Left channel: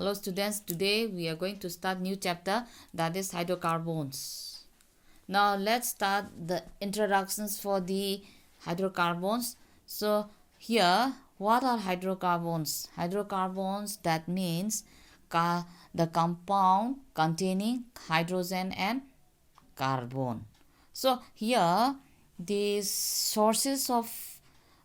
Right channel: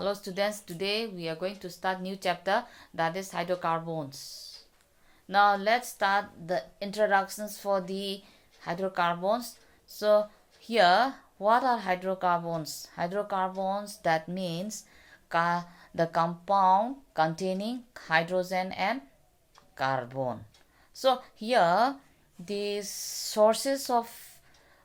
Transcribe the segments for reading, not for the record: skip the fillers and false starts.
Hello students, today we are going to start new chapter, that is hydrocarbons. Now let's start the introductions for the hydrocarbons. So here, what are hydrocarbons? Hydrocarbons, that means the compound containing hydrogen and carbon. So here the sources of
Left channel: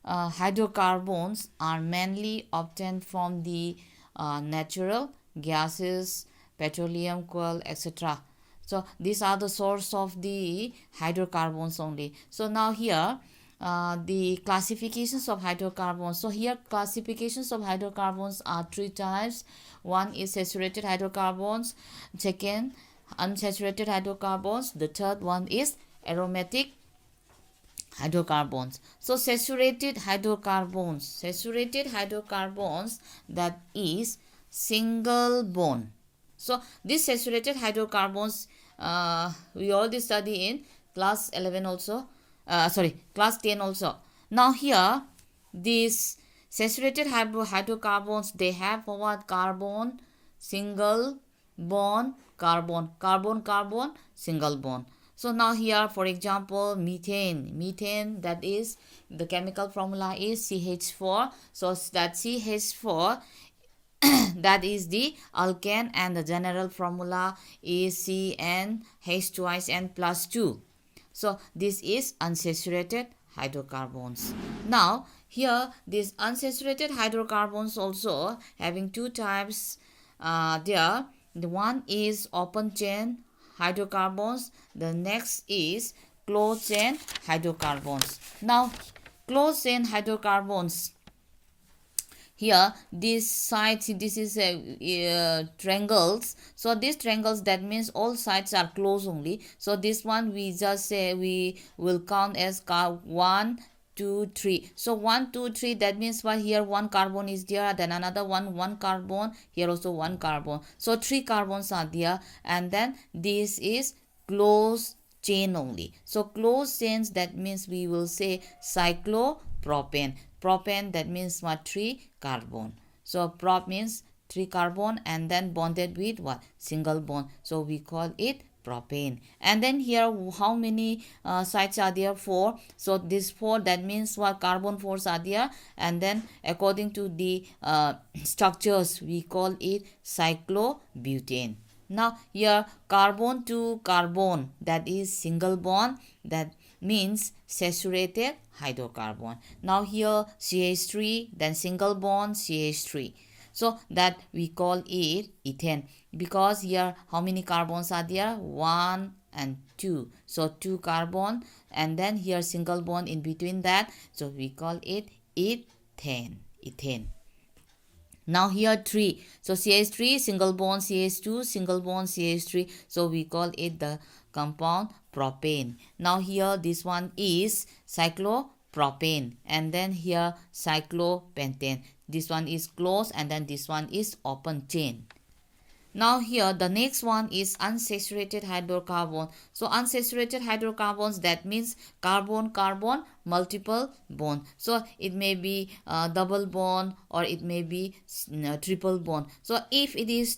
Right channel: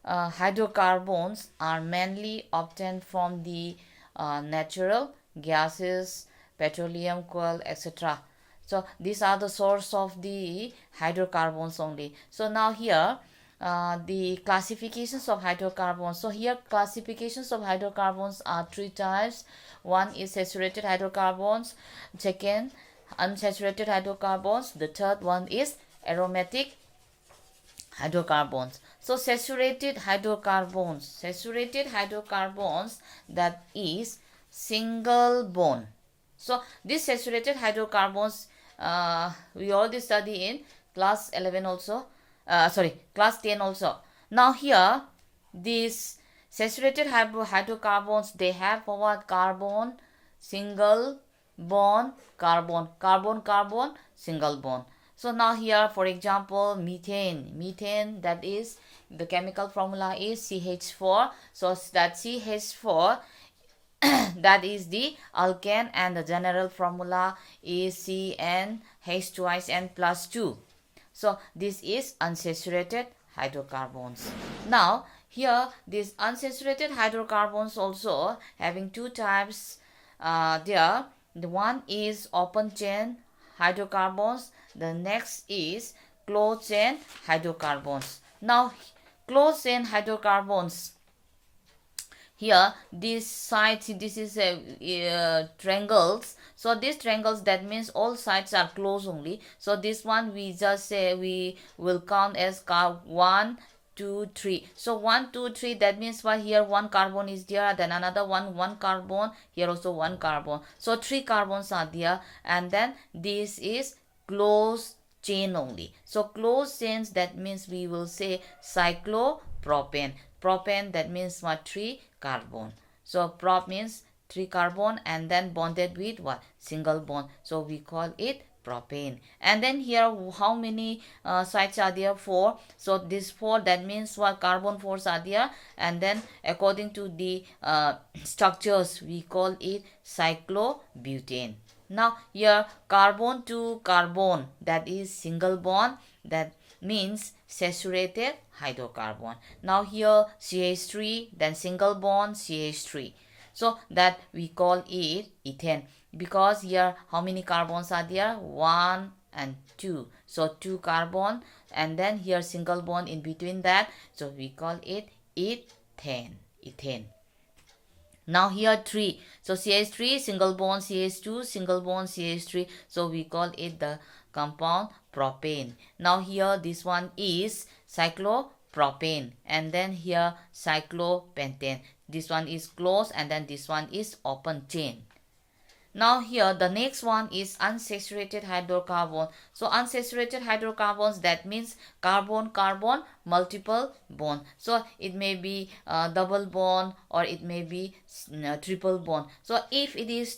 hydrocarbons are mainly obtained from the natural gases, petroleum, coal, etc. So these are the source of the hydrocarbons only. So now here the classifications of hydrocarbons. So here classifications of hydrocarbons are three types. One is saturated hydrocarbons, second unsaturated hydrocarbons, the third one is aromatic hydrocarbons. So saturated hydrocarbons, that is single bond. So these saturated hydrocarbons we already study in class 11 also, class 10 also. Now here these saturated hydrocarbons, they have what? Carbon, single bond, carbon, carbon, carbon, single bond. So now here, for example, methane, that is the chemical formula is CH4. So that CH4 that is the alkane, and the general formula is CnH twice N plus 2. So this is unsaturated hydrocarbons. Now here these unsaturated hydrocarbons also having two types there. The one is open chain hydrocarbons, the next is closed chain hydrocarbons. Now closed chain hydrocarbons, here this side, see, this is a triangles. So these triangles, that means all sides are closed only. So this one we just say we will count as 1 2 3. So 1 2 3, that means why here one carbon is there, then another one carbon, here also one carbon, so three carbons are there, and then this is closed chain only. So closed chains, that means we will say cyclopropane. Propane, that means what? 3 carbon. So prop means 3 carbon and then bonded with what? Single bond. So we call it propane. And then here how many sides are there? 4. So this 4, that means what? Carbon 4s are there, and then according to the structures we call it cyclobutane. Now here carbon to carbon, that is single bond, that means saturated hydrocarbon. Now here CH3, then single bond CH3. So that we call it ethane, because here how many carbons are there? 1 and 2. So 2 carbon, and then here single bond in between that. So we call it ethane. Now here 3. So CH3, single bond CH2, single bond CH3. So we call it the compound propane. Now here this one is cyclopropane, and then here cyclopentane. This one is closed, and then this one is open chain. Now here the next one is unsaturated hydrocarbon. So unsaturated hydrocarbons, that means carbon carbon multiple bond. So it may be double bond, or it may be triple bond. So if it is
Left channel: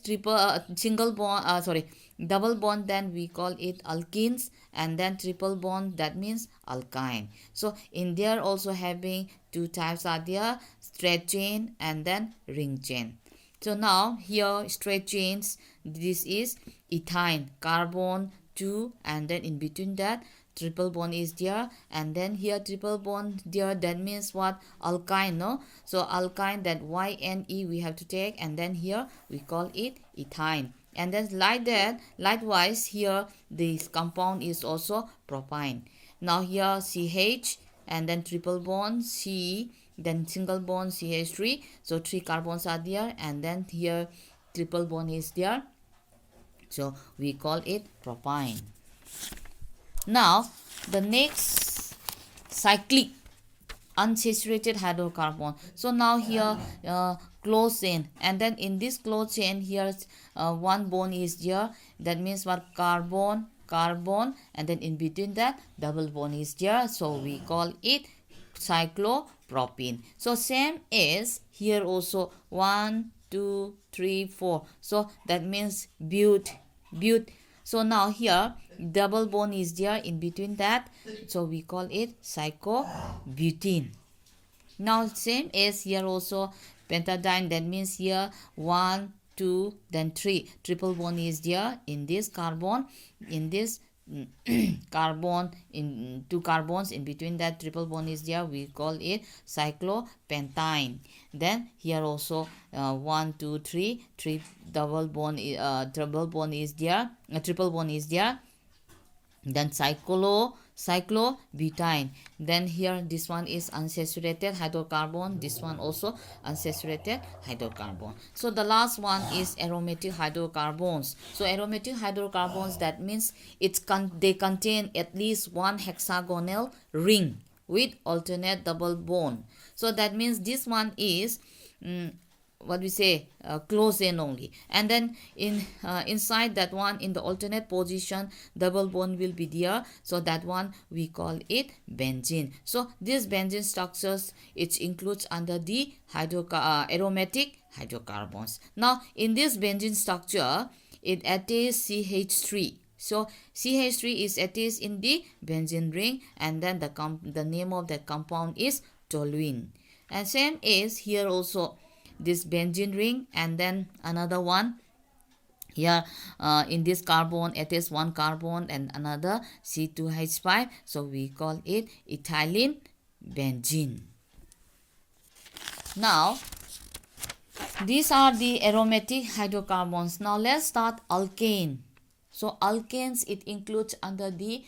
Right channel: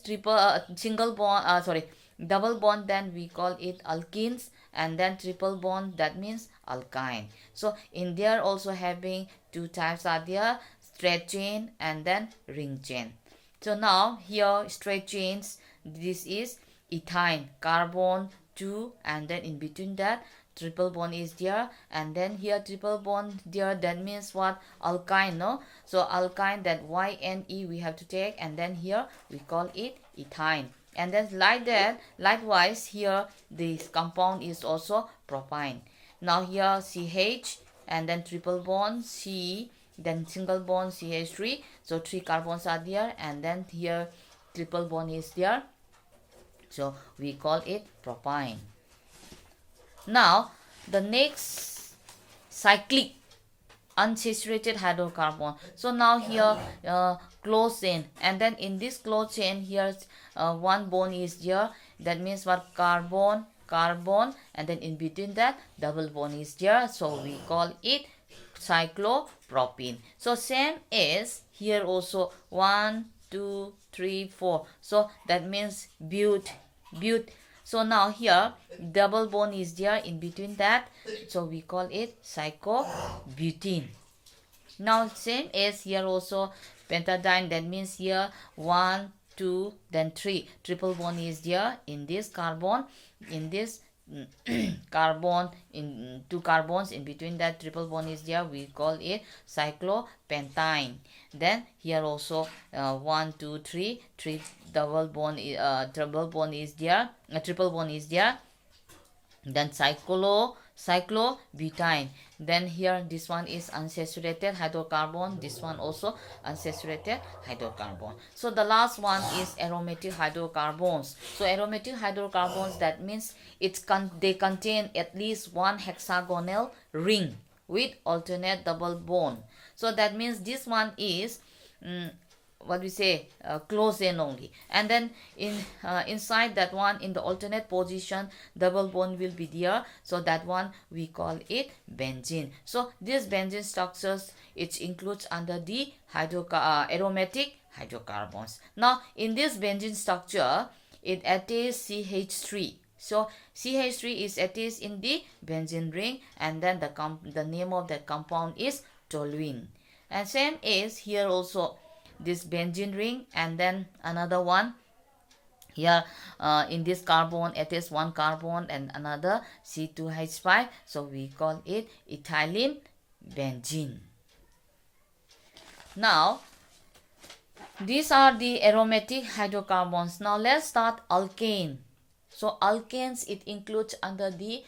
double bond, then we call it alkenes, and then triple bond, that means alkyne. So in there also having two types are there, straight chain and then ring chain. So now here straight chains, this is ethyne, carbon 2, and then in between that triple bond is there, and then here triple bond there, that means what? Alkyne, no? So alkyne, that YNE we have to take, and then here we call it ethyne. And then like that, likewise here this compound is also propyne. Now here CH, and then triple bond C, then single bond CH3. So 3 carbons are there, and then here triple bond is there. So we call it propyne. Now the next cyclic unsaturated hydrocarbon. So now here closed chain, and then in this closed chain here one bond is there, that means what? Carbon carbon, and then in between that double bond is there. So we call it cyclopropene. So same as here also 1 2, 3, 4. So that means but. So now here double bond is there in between that. So we call it cyclobutene. Now same as here also pentadiene, that means here 1, 2, then 3. Triple bond is there in this carbon, in this carbon, in two carbons in between that triple bond is there, we call it cyclopentane. Then here also 1, 2, 3, double bond, double bond is there, triple bond is there, then cyclobutane. Then here this one is unsaturated hydrocarbon, this one also unsaturated hydrocarbon. So the last one is aromatic hydrocarbons. So aromatic hydrocarbons, that means they contain at least one hexagonal ring with alternate double bond. So that means this one is what we say close end only, and then inside that one, in the alternate position, double bond will be there, so that one we call it benzene. So these benzene structures, it includes under the aromatic hydrocarbons. Now in this benzene structure, it attaches CH3. So CH3 is attached in the benzene ring, and then the name of that compound is toluene. And same is here also, this benzene ring, and then another one here in this carbon, it is one carbon and another C2H5, so we call it ethylene benzene. Now these are the aromatic hydrocarbons. Now let's start alkane. So alkanes, it includes under the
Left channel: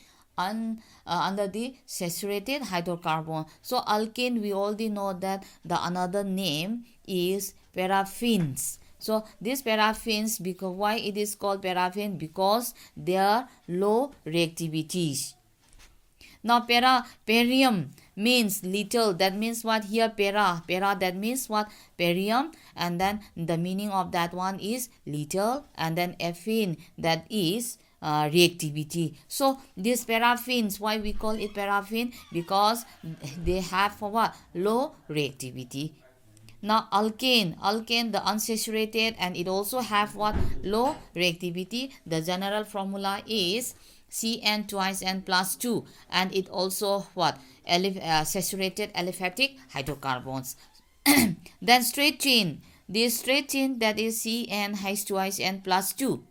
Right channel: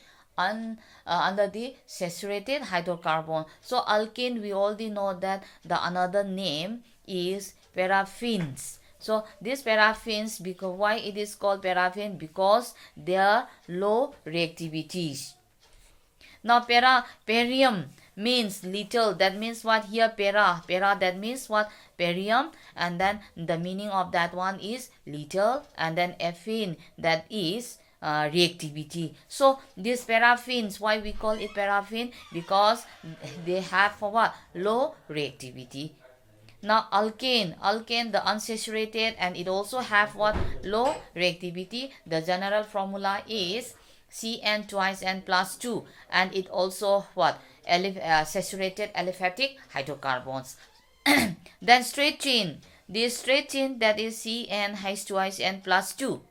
saturated hydrocarbon. So alkane, we already know that the another name is paraffins. So these paraffins, because why it is called paraffin? Because they are low reactivities. Now perium means little, that means what here? Para, that means what? Perium, and then the meaning of that one is little, and then affine, that is reactivity. So these paraffins, why we call it paraffin? Because they have what? Low reactivity. Now alkane, the unsaturated, and it also have what? Low reactivity. The general formula is Cn twice n plus 2, and it also what? Saturated aliphatic hydrocarbons. Then straight chain, this straight chain, that is CnH twice n plus 2.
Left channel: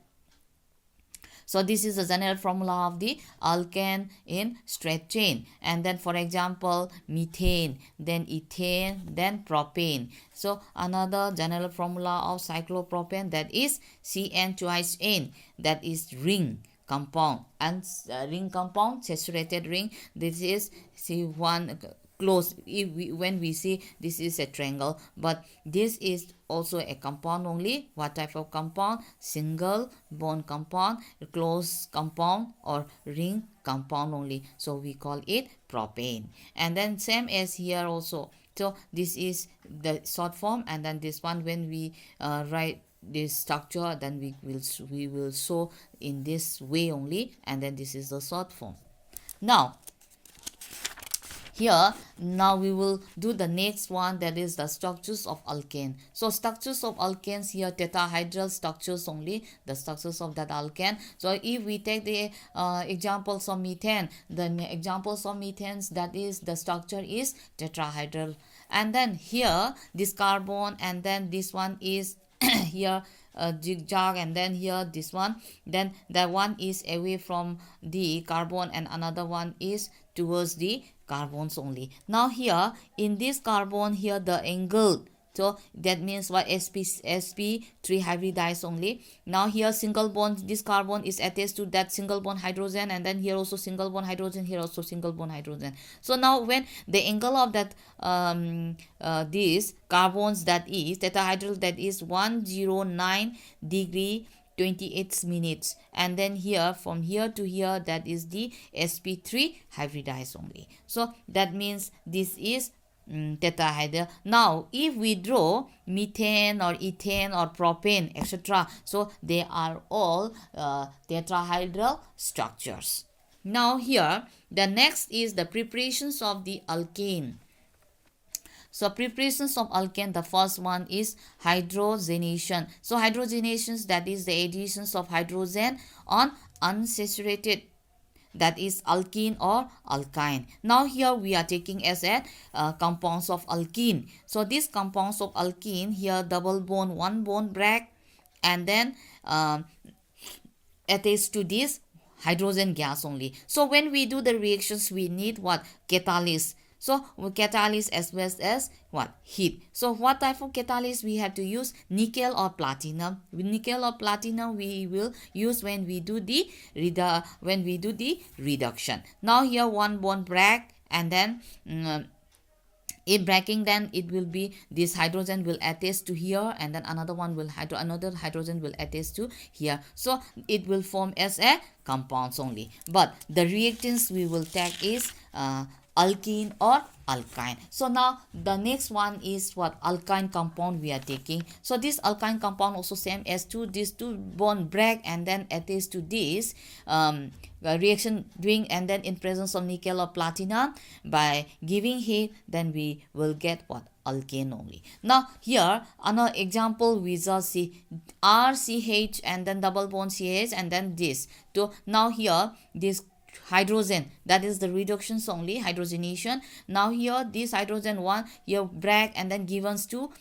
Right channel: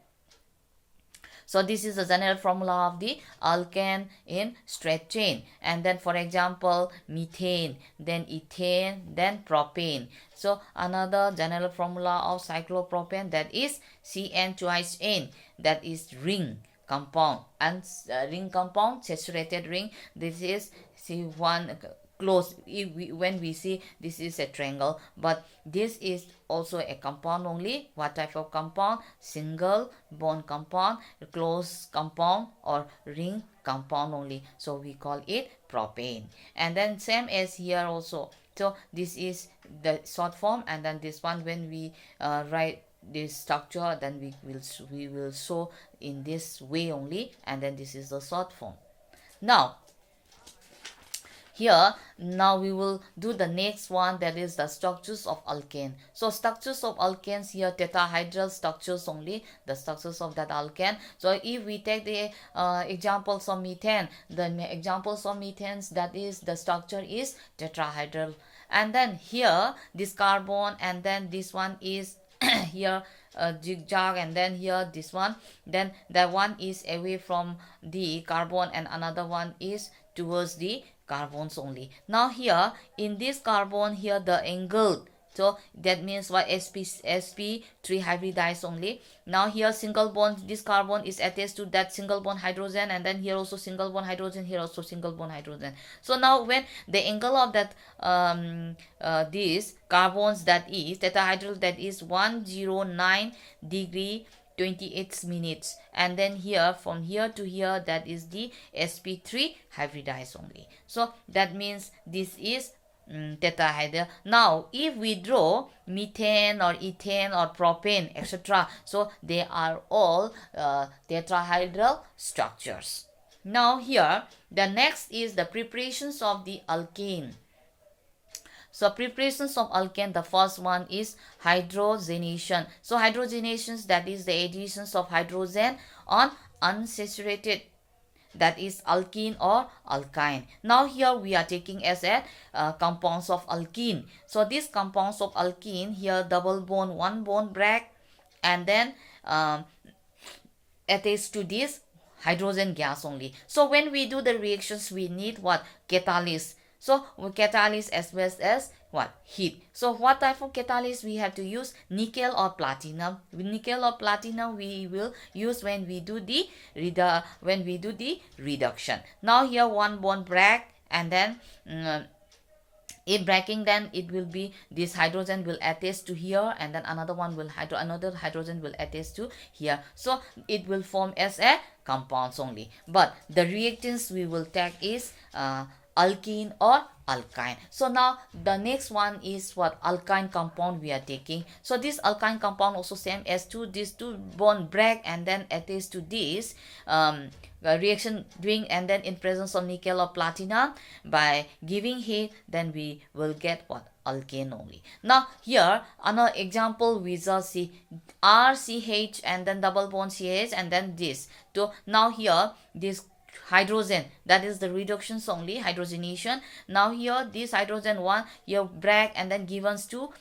So this is the general formula of the alkane in straight chain. And then for example, methane, then ethane, then propane. So another general formula of cyclopropane, that is Cn twice n, that is ring compound, and ring compound, saturated ring. This is C1 close. When we see this is a triangle, but this is also a compound only. What type of compound? Single bond compound, close compound, or ring compound only. So we call it propane. And then same as here also. So this is the short form, and then this one, when we write this structure, then we will show in this way only, and then this is the short form. Now here, now we will do the next one, that is the structures of alkane. So structures of alkanes here, tetrahedral structures only, the structures of that alkane. So if we take the examples of methane, the examples of methanes, that is the structure is tetrahedral. And then here this carbon, and then this one is here zigzag, and then here this one, then that one is away from the carbon, and another one is towards the carbons only. Now here in this carbon here, the angle, so that means what? sp3 hybridized only. Now here single bond, this carbon is attached to that single bond hydrogen, and then here also single bond hydrogen, here also single bond hydrogen. So now when the angle of that these carbons, that is tetrahedral, that is 109 degree 28 minutes, and then here from here to here, that is the sp3 hybridized only. So that means this is tetrahedral. Now if we draw methane or ethane or propane, etc., so they are all tetrahedral structures. Now here the next is the preparations of the alkane. So preparations of alkane, the first one is hydrogenation. So hydrogenations, that is the additions of hydrogen on unsaturated, that is alkene or alkyne. Now here we are taking as a compounds of alkene. So these compounds of alkene, here double bond, one bond break, and then attached to this hydrogen gas only. So when we do the reactions, we need what? Catalyst. So catalyst as well as what? Heat. So what type of catalyst we have to use? Nickel or platinum. With nickel or platinum we will use when we do the reduction. Now here one bond break, and then if breaking, then it will be this hydrogen will attach to here, and then another one will another hydrogen will attach to here. So it will form as a compounds only. But the reactants we will take is alkene or alkyne. So now the next one is what? Alkyne compound we are taking. So this alkyne compound also same as these two bond break and then attach to this reaction doing, and then in presence of nickel or platinum, by giving heat, then we will get what? Alkane only. Now here another example, we just see RCH and then double bond CH and then this. So now here this hydrogen, that is the reductions only, hydrogenation. Now here this hydrogen one here break and then given to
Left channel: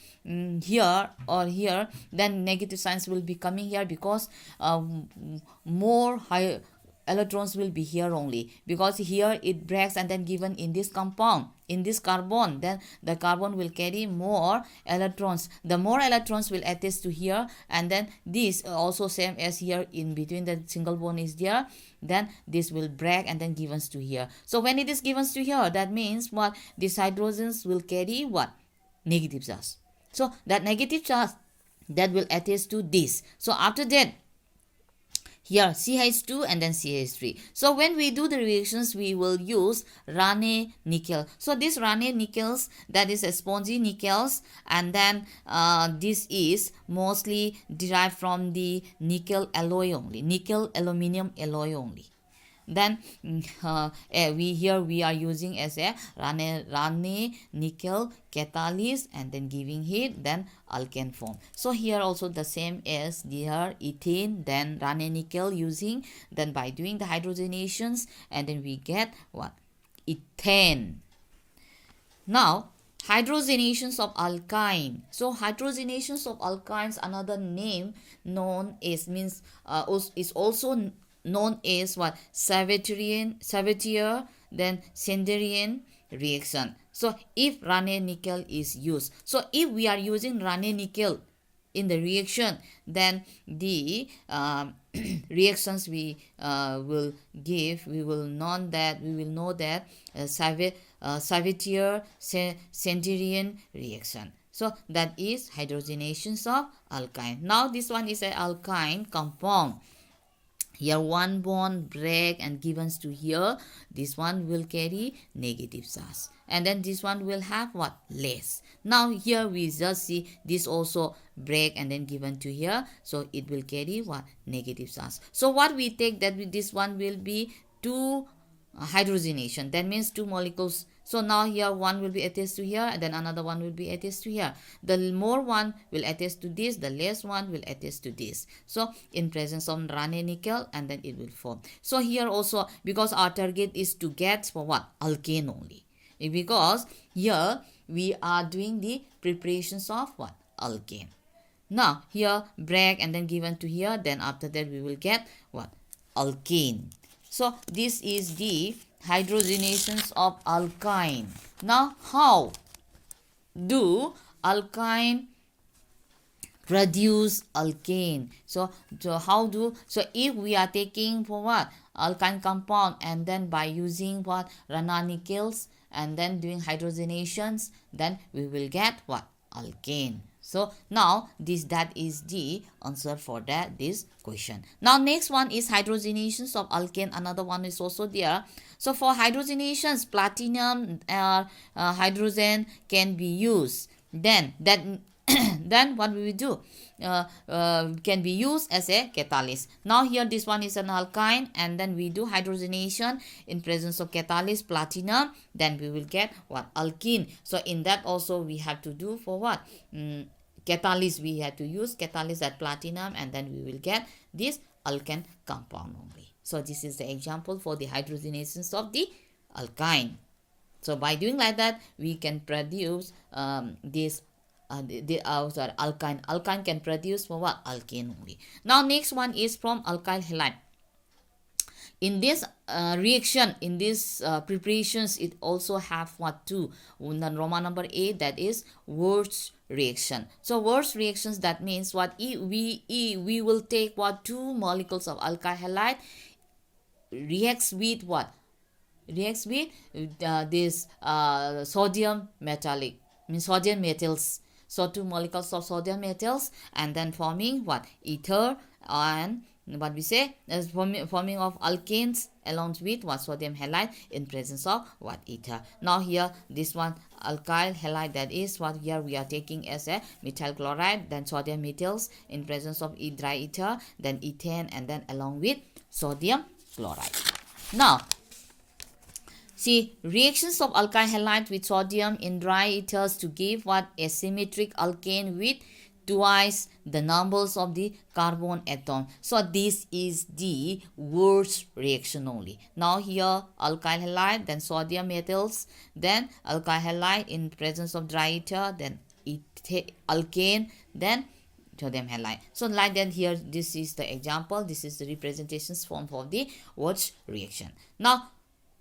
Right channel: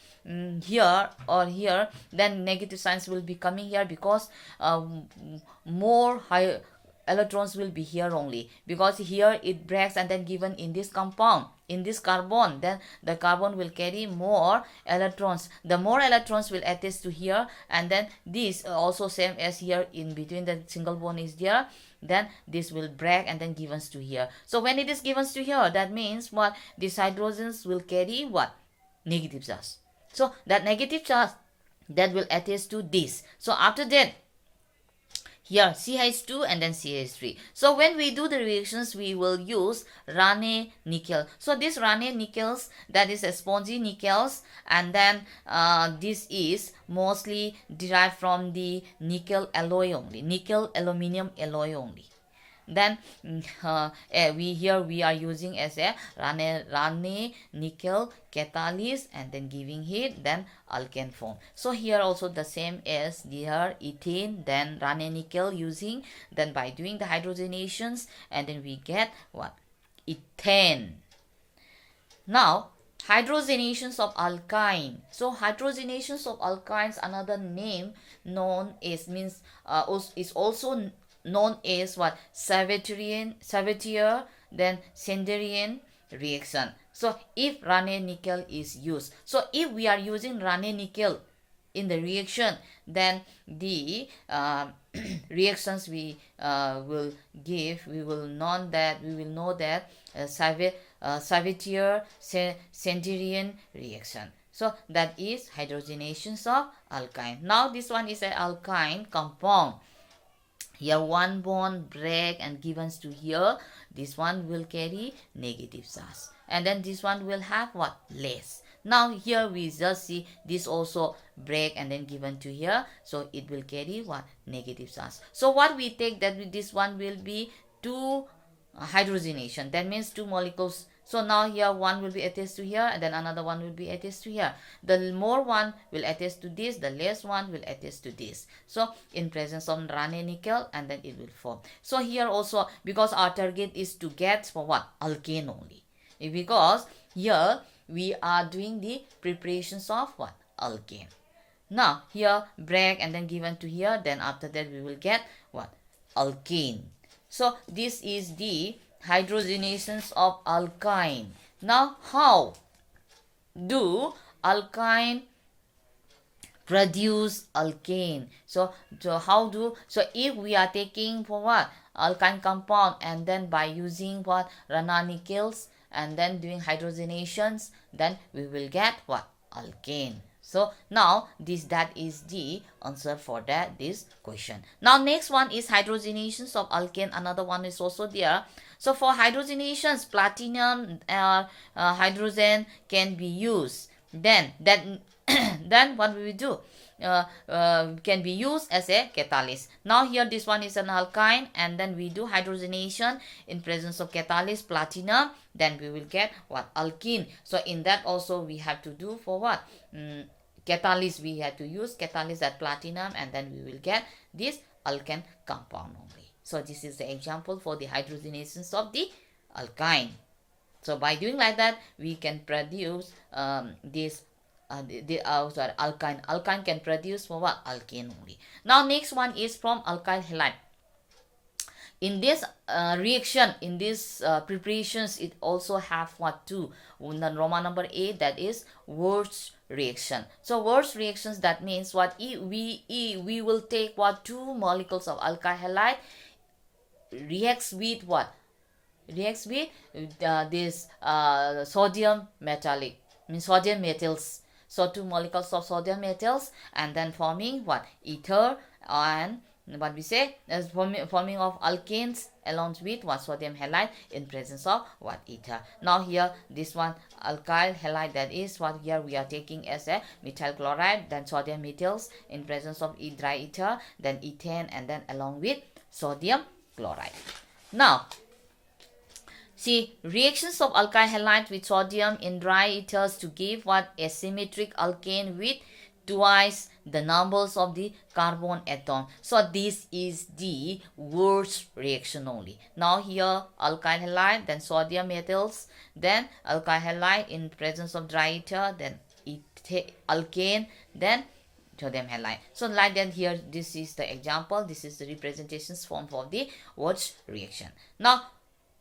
here or here, then negative signs will be coming here, because more high electrons will be here only, because here it breaks and then given in this compound, in this carbon, then the carbon will carry more electrons. The more electrons will attach to here, and then this also same as here, in between the single bond is there, then this will break and then given to here. So when it is given to here, that means what? These hydrogens will carry what? Negative charge. So that negative charge, that will attach to this. So after that, here CH2 and then CH3. So when we do the reactions, we will use Rane nickel. So this Rane nickels, that is a spongy nickels, and then this is mostly derived from the nickel alloy only, nickel aluminum alloy only. Then we are using as a Rane nickel catalyst, and then giving heat, then alkane form. So here also the same as here ethane, then Rane nickel using, then by doing the hydrogenations, and then we get what? Ethane. Now hydrogenations of alkyne. So hydrogenations of alkynes, another name known as means is also known as what? Savatier then Sanderian reaction. So if Rane nickel is used, so if we are using Rane nickel in the reaction, then the reactions we will give, we will know that Savatier Sanderian reaction. So that is hydrogenations of alkyne. Now this one is an alkyne compound. Here one bond break and given to here, this one will carry negative charge, and then this one will have what? Less. Now here we just see this also break and then given to here, so it will carry what? Negative charge. So what we take, that this one will be 2 hydrogenation, that means 2 molecules. So now here one will be attached to here, and then another one will be attached to here. The more one will attach to this, the less one will attach to this. So in presence of Rane nickel, and then it will form. So here also, because our target is to get for what? Alkane only. Because here we are doing the preparations of what? Alkane. Now here break and then given to here, then after that we will get what? Alkane. So this is the hydrogenations of alkyne. Now how do alkyne produce alkane? So if we are taking for what? Alkyne compound, and then by using what? Rane nickels, and then doing hydrogenations, then we will get what? Alkane. So now that is the answer for this question. Now next one is hydrogenations of alkane. Another one is also there. So for hydrogenations, platinum hydrogen can be used. Then what we will do? can be used as a catalyst. Now here this one is an alkyne, and then we do hydrogenation in presence of catalyst platinum, then we will get what? Alkene. So in that also we have to do for what? Catalyst, we have to use catalyst at platinum, and then we will get this alkane compound only. So this is the example for the hydrogenations of the alkyne. So by doing like that, we can produce this alkyne. Alkyne can produce for what? Alkane only. Now next one is from alkyl halide. In this reaction, in these preparations, it also have what? Two. Roman number 8, that is Wurtz reaction. So Wurtz reactions, that means what? We will take what? Two molecules of alkyl halide reacts with what? Reacts with this sodium metallic, means sodium metals. So two molecules of sodium metals, and then forming what? Ether, and what we say as forming of alkanes along with what? Sodium halide in presence of what? Ether. Now here this one alkyl halide, that is what here we are taking as a methyl chloride, then sodium metals in presence of dry ether, then ethane, and then along with sodium chloride. Now see, reactions of alkyl halide with sodium in dry ethers to give what? Asymmetric alkane with twice the numbers of the carbon atom. So this is the Wurtz reaction only. Now here alkyl halide, then sodium metals, then alkyl halide in presence of dry ether, then alkane, then sodium halide. So like that here, this is the example, this is the representations form for the Wurtz reaction. Now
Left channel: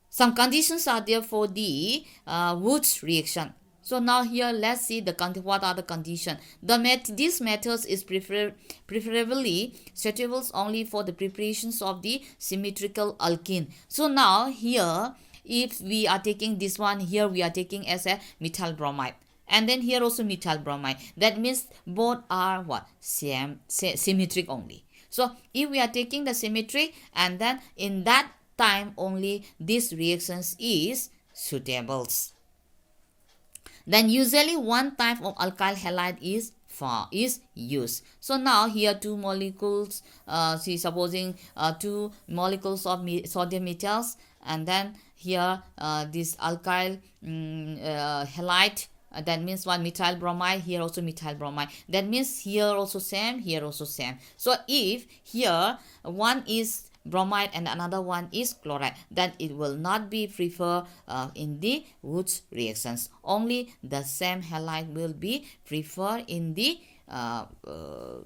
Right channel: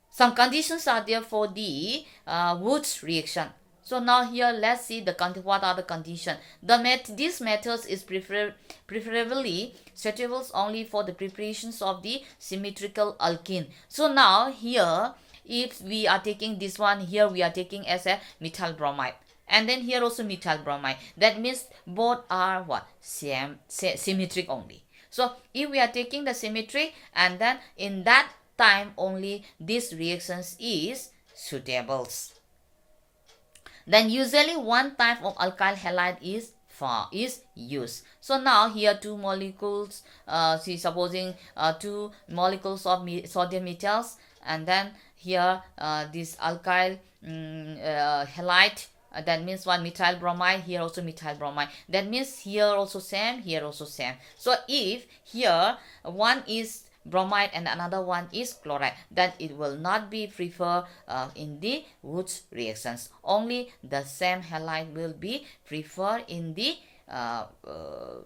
some conditions are there for the Wurtz reaction. So now here let's see what are the conditions. This methods is preferably suitable only for the preparations of the symmetrical alkene. So now here, if we are taking this one, here we are taking as a methyl bromide, and then here also methyl bromide. That means both are what? Symmetric only. So if we are taking the symmetric, and then in that time only this reactions is suitable. Then usually one type of alkyl halide is used. So now here two molecules, supposing two molecules of sodium metals, and then here this alkyl halide, that means one methyl bromide, here also methyl bromide. That means here also same, here also same. So if here one is bromide and another one is chloride, then it will not be preferred in the Wurtz reactions. Only the same halide will be preferred in the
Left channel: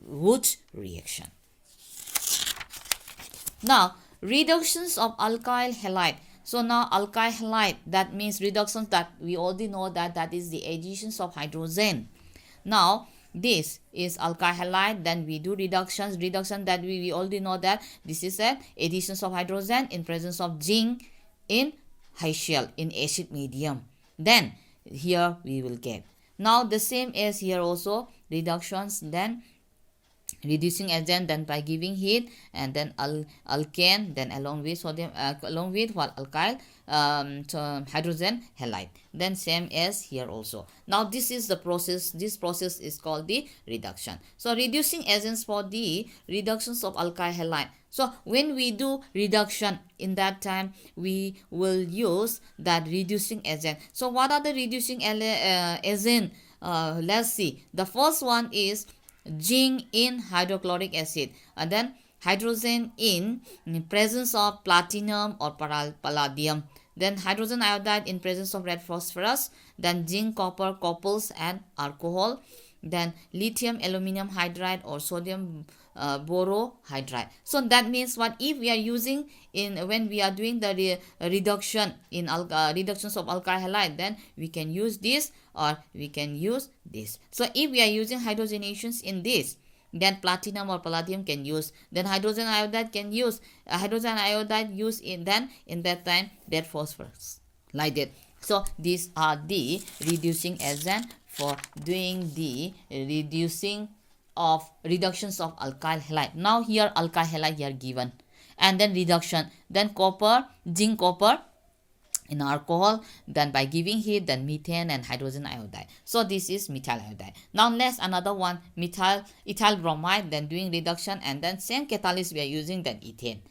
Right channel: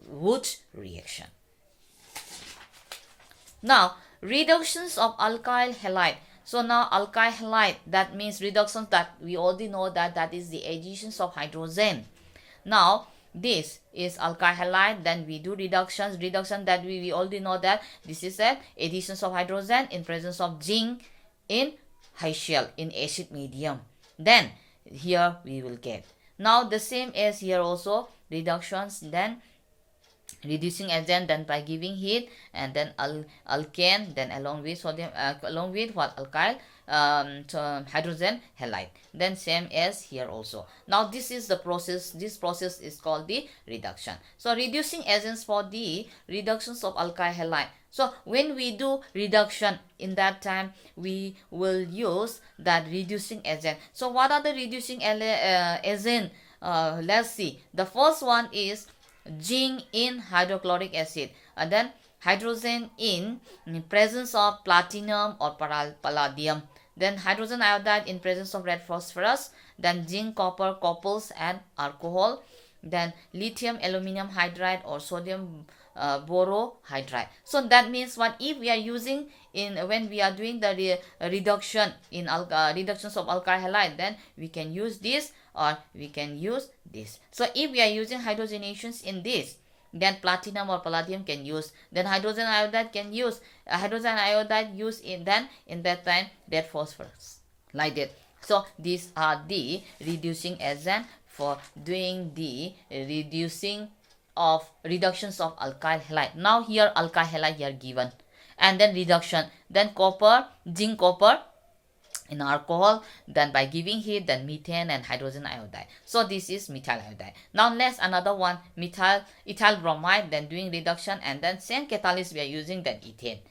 Wurtz reaction. Now reductions of alkyl halide. So now alkyl halide, that means reductions, that we already know that is the additions of hydrogen. Now this is alkyl halide, then we do reduction that we already know that this is a additions of hydrogen in presence of zinc in HCl in acid medium. Then here we will get now the same as here also reductions, then reducing agent, then by giving heat, and then alkane, then along with sodium along with what? Alkyl hydrogen halide, then same as here also. Now this is the process. This process is called the reduction. So reducing agents for the reductions of alkyl halide. So when we do reduction, in that time we will use that reducing agent. So what are the reducing agent? Let's see. The first one is zinc in hydrochloric acid, and then hydrogen in presence of platinum or palladium, then hydrogen iodide in presence of red phosphorus, then zinc copper couples and alcohol, then lithium aluminum hydride or sodium borohydride. So that means what? If we are using when we are doing the reduction in reductions of alkyl halide, then we can use this or we can use this. So if we are using hydrogenations in this, then platinum or palladium can use, then hydrogen iodide can use, hydrogen iodide use in that time red phosphorus, like that. So these are the reducing agent for doing the reductions of alkyl halide. Now here alkyl halide here given, and then reduction, then copper, zinc copper, in alcohol, then by giving heat, then methane and hydrogen iodide. So this is methyl iodide. Now next another one, ethyl bromide, then doing reduction, and then same catalyst we are using, then ethane.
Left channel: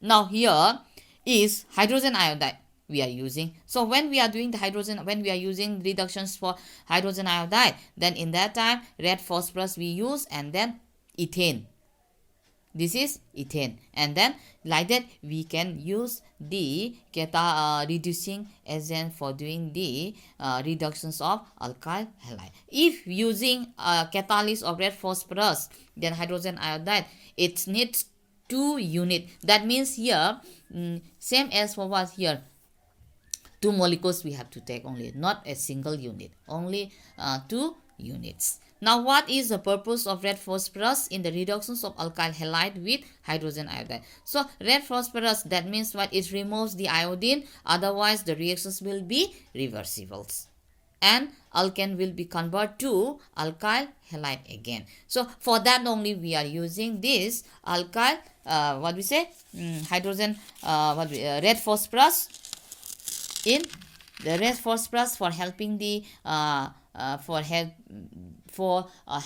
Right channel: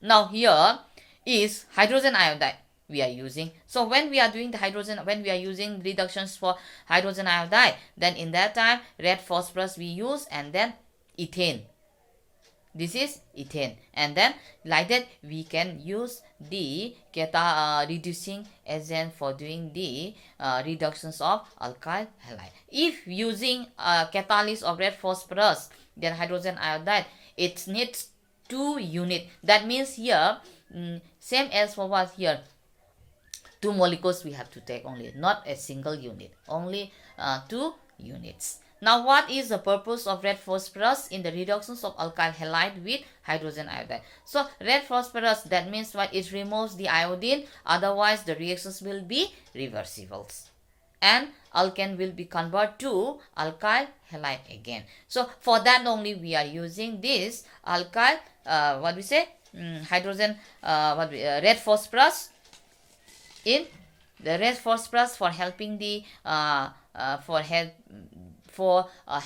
Now here is hydrogen iodide we are using. So when we are doing the hydrogen, when we are using reductions for hydrogen iodide, then in that time red phosphorus we use, and then ethane. This is ethane, and then like that we can use the reducing agent for doing the reductions of alkyl halide. If using catalyst of red phosphorus, then hydrogen iodide, it needs 2 unit. That means here same as for what here, 2 molecules we have to take only, not a single unit, only 2 units. Now what is the purpose of red phosphorus in the reductions of alkyl halide with hydrogen iodide? So red phosphorus, that means what, it removes the iodine, otherwise the reactions will be reversible, and alkane will be converted to alkyl halide again. So for that only we are using this alkyl hydrogen red phosphorus in the red phosphorus for helping the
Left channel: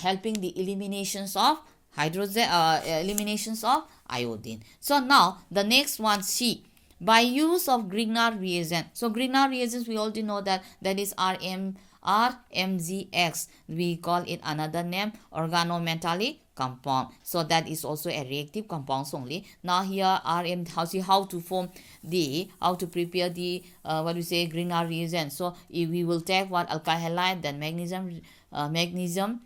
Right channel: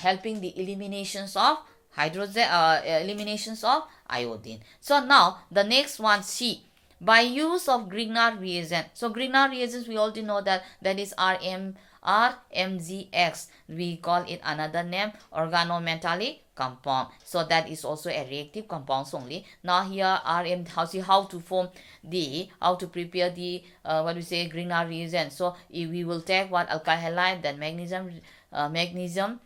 helping the eliminations of hydrogen eliminations of iodine. So now the next one, C, by use of Grignard reagent. So Grignard reagents we already know that is RMGX. We call it another name, organometallic compound. So that is also a reactive compounds only. Now here how to form the, how to prepare the Grignard reagent. So if we will take what, alkyl halide, then magnesium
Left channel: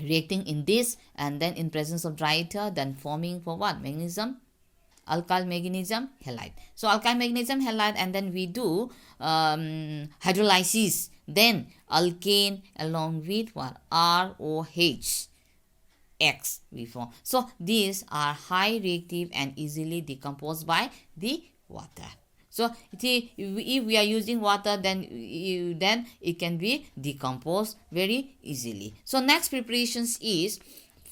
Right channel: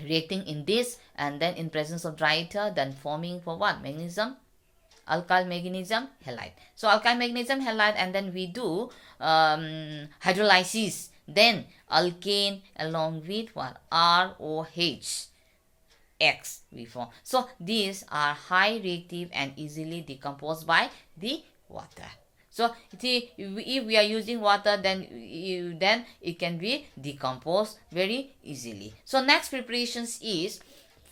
reacting in this, and then in presence of dry ether, then forming for what, alkyl magnesium halide. So alkyl magnesium halide, and then we do hydrolysis, then alkane along with what, ROH X we form. So these are high reactive and easily decomposed by the water. So if we are using water, then it can be decomposed very easily. So next preparations is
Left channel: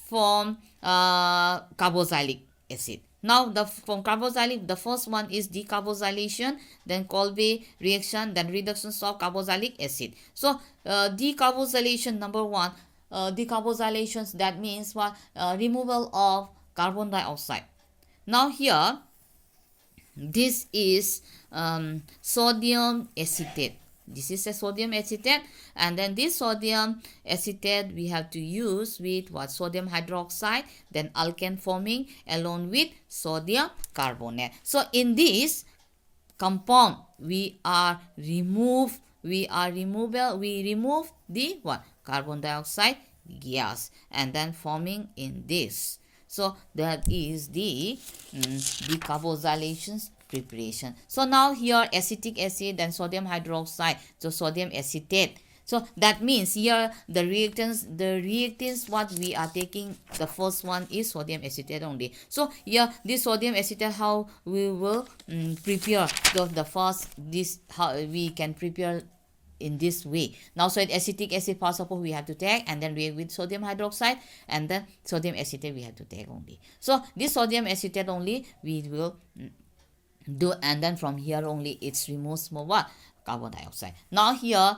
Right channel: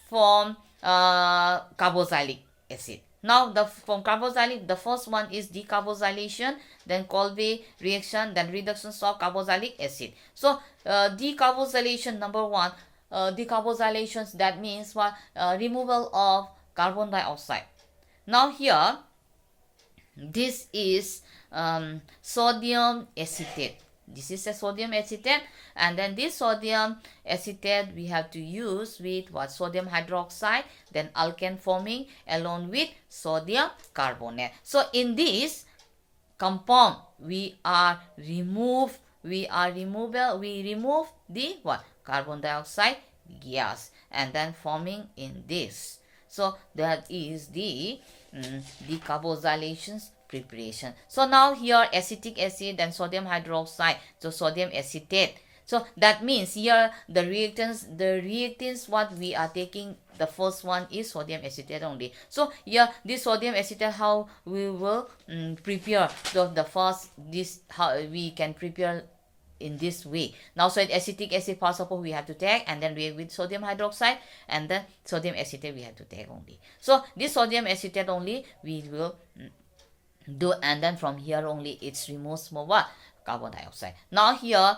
from carboxylic acid. Now from carboxylic, the first one is decarbosylation, then Kolbe reaction, then reductions of carboxylic acid. So decarbosylation, number one, decarboxylations, that means what, removal of carbon dioxide. Now here this is sodium acetate. This is a sodium acetate, and then this sodium acetate we have to use with what, sodium hydroxide, then alkane forming along with sodium carbonate. So in this compound we remove the what, carbon dioxide gas, and then forming in this. So that is the decarboxylations preparation. So now here acetic acid and sodium hydroxide, so sodium acetate. So that means here the reactants what we are taking, the first one is sodium acetate only. So here this sodium acetate, how we will prepare. So the first, this how we can prepare in this way. Now so acetic acid first of all we have to take, and then react with sodium hydroxide, and then sodium acetate we have to take only. So this sodium acetate only we will do, and then from here only it's removes more carbon dioxide. Now here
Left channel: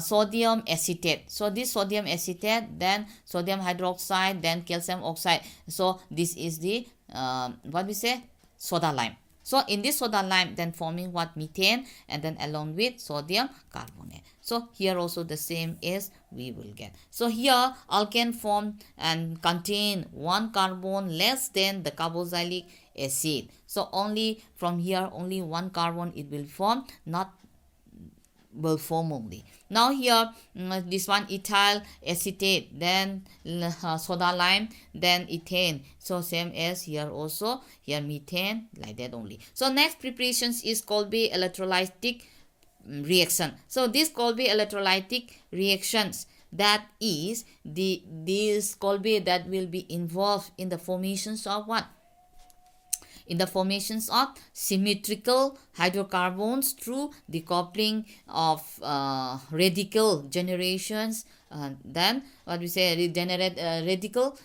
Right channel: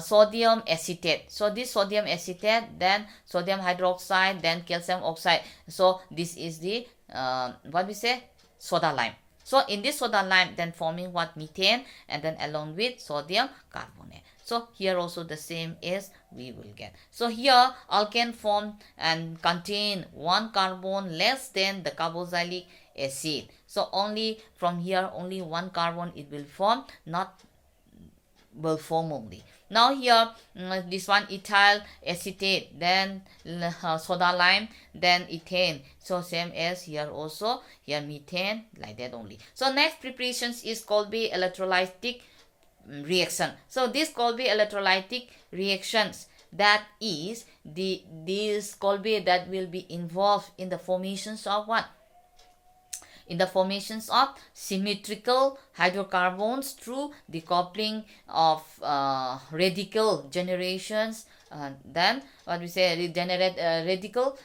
sodium acetate. So this sodium acetate, then sodium hydroxide, then calcium oxide. So this is the soda lime. So in this soda lime, then forming what, methane, and then along with sodium carbonate. So here also the same as we will get. So here alkane form and contain 1 carbon less than the carboxylic acid. So only from here only 1 carbon it will form, not will form only. Now here this one ethyl acetate, then soda lime, then ethane. So same as here also, here methane, like that only. So next preparations is Kolbe electrolytic reaction. So this Kolbe electrolytic reactions, that is this Kolbe that will be involved in the formations of what? In the formations of symmetrical hydrocarbons through decoupling of radical generations then what we say, radical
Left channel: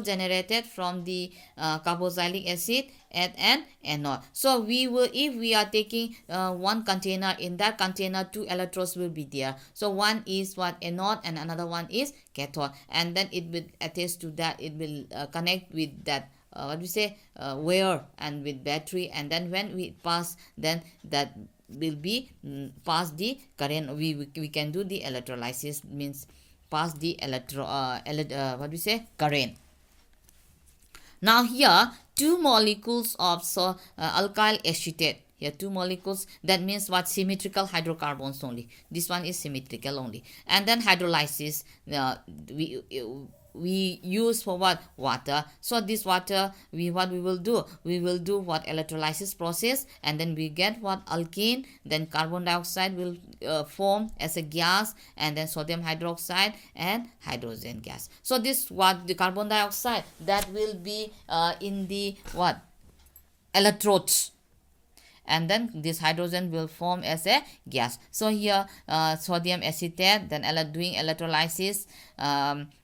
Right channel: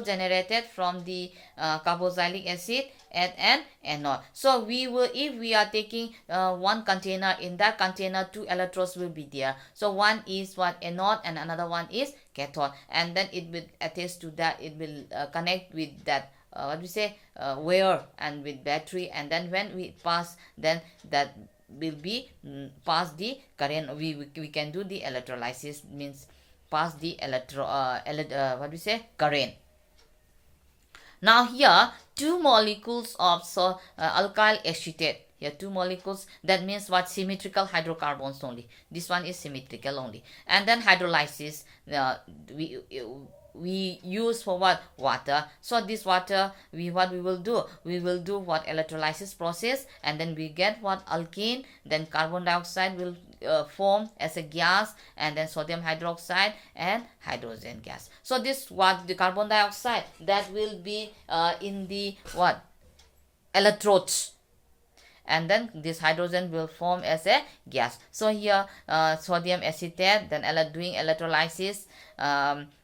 generated from the carboxylic acid at an anode. So we will, if we are taking one container, in that container two electrodes will be there. So one is what, anode, and another one is cathode, and then it will attach to that, it will connect with that what we say, wire and with battery, and then when we pass, then that will be pass the current. We can do the electrolysis, means pass the what we say, current. Now here two molecules of alkyl acetate, here two molecules, that means what, symmetrical hydrocarbons only, this one is symmetrical only. And then hydrolysis, we we use for what, water. So this water, what we will do, we will do what, electrolysis process, and then we get what, alkane, then carbon dioxide will form as a gas, and then sodium hydroxide and hydrogen gas. So this what, the carbon dioxide, that will be in the what, electrodes, and then this hydrogen will form as a gas. So here sodium acetate, then doing electrolysis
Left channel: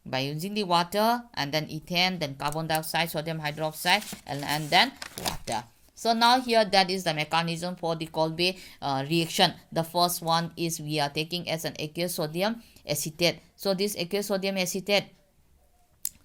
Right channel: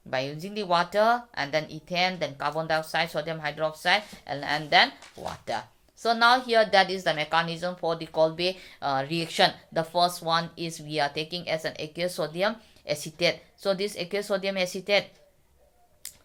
by using the water, and then ethane, then carbon dioxide, sodium hydroxide, and then water. So now here, that is the mechanism for the Kolbe reaction. The first one is we are taking as an aqueous sodium acetate. So this aqueous sodium acetate,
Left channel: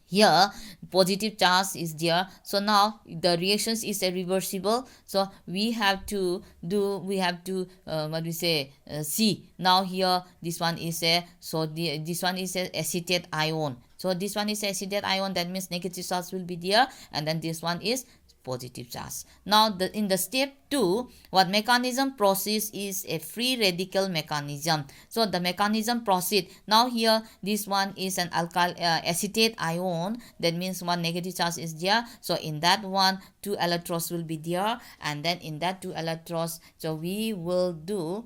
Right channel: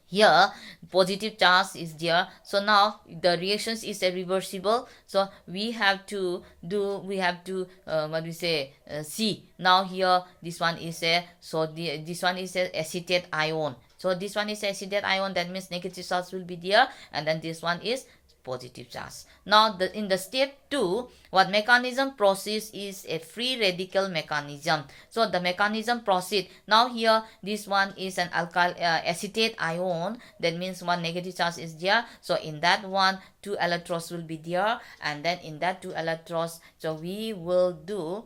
here positive charge is there. So now the reactions is irreversible, so we have to what we say, see. Now here this one is a, so this one is a acetate ion, so this one is acetate ion, that means negative charge will be there, and then this one is positive charge. Now in the step 2, what mechanism process is a free radical mechanism. So the mechanism proceed. Now here this one is an alkyl acetate ion, that means one negative charge is there, so in that one two electrons will be there, and then in that two electrons, so we will do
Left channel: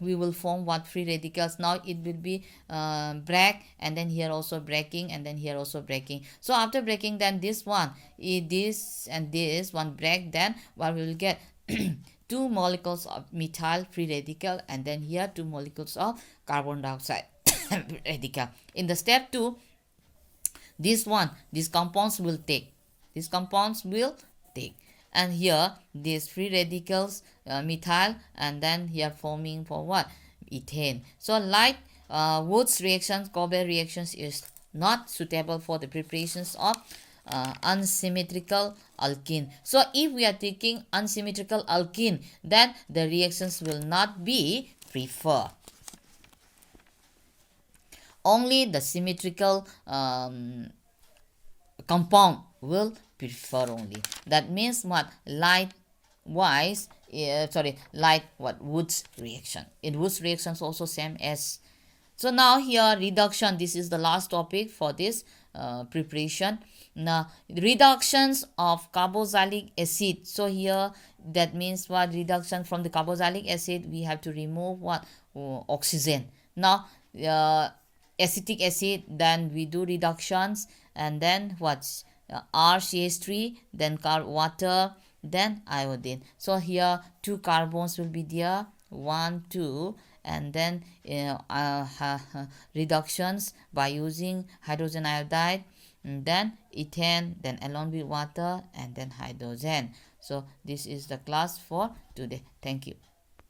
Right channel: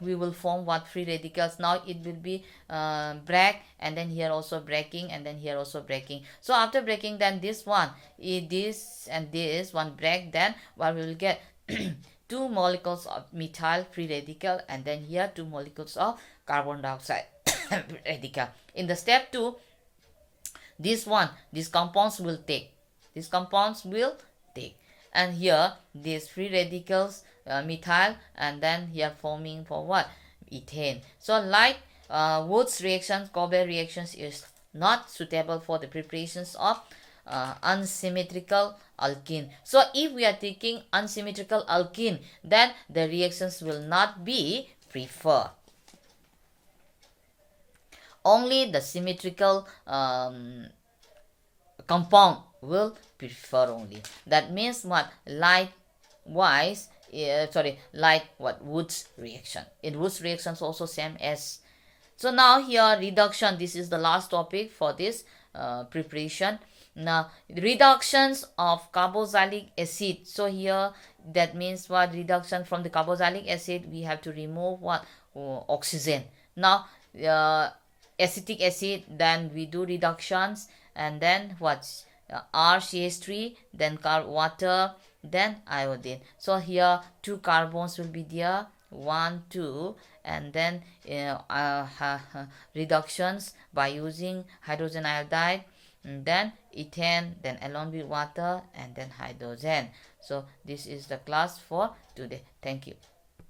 we will form what, free radicals. Now it will be break, and then here also breaking, and then here also breaking. So after breaking, then this one, this and this one break, then what we will get, two molecules of methyl free radical, and then here two molecules of carbon dioxide radical. In the step 2, this one, these compounds will take, and here these free radicals, methyl, and then here forming for what, ethane. So like Wood's reactions, Kolbe reactions is not suitable for the preparations of unsymmetrical alkene. So if we are taking unsymmetrical alkene, then the reactions will not be preferred. Only the symmetrical compound will prefer only. That means what, likewise, like what, Wood's reaction. In Wood's reactions also same as. So now here reduction, this is the last topic for this preparation. Now reductions of carboxylic acid. So here that means what, reduction from the carboxylic acid, we have to remove what, oxygen. Now acetic acid, then we do reductions, and then what's RCH3, then water, then iodine. So here two carbons will be there, 1 2, and then reductions by using hydrogen iodide, then ethane, then along with water, and then hydrogen. So this is the class for today. Thank you.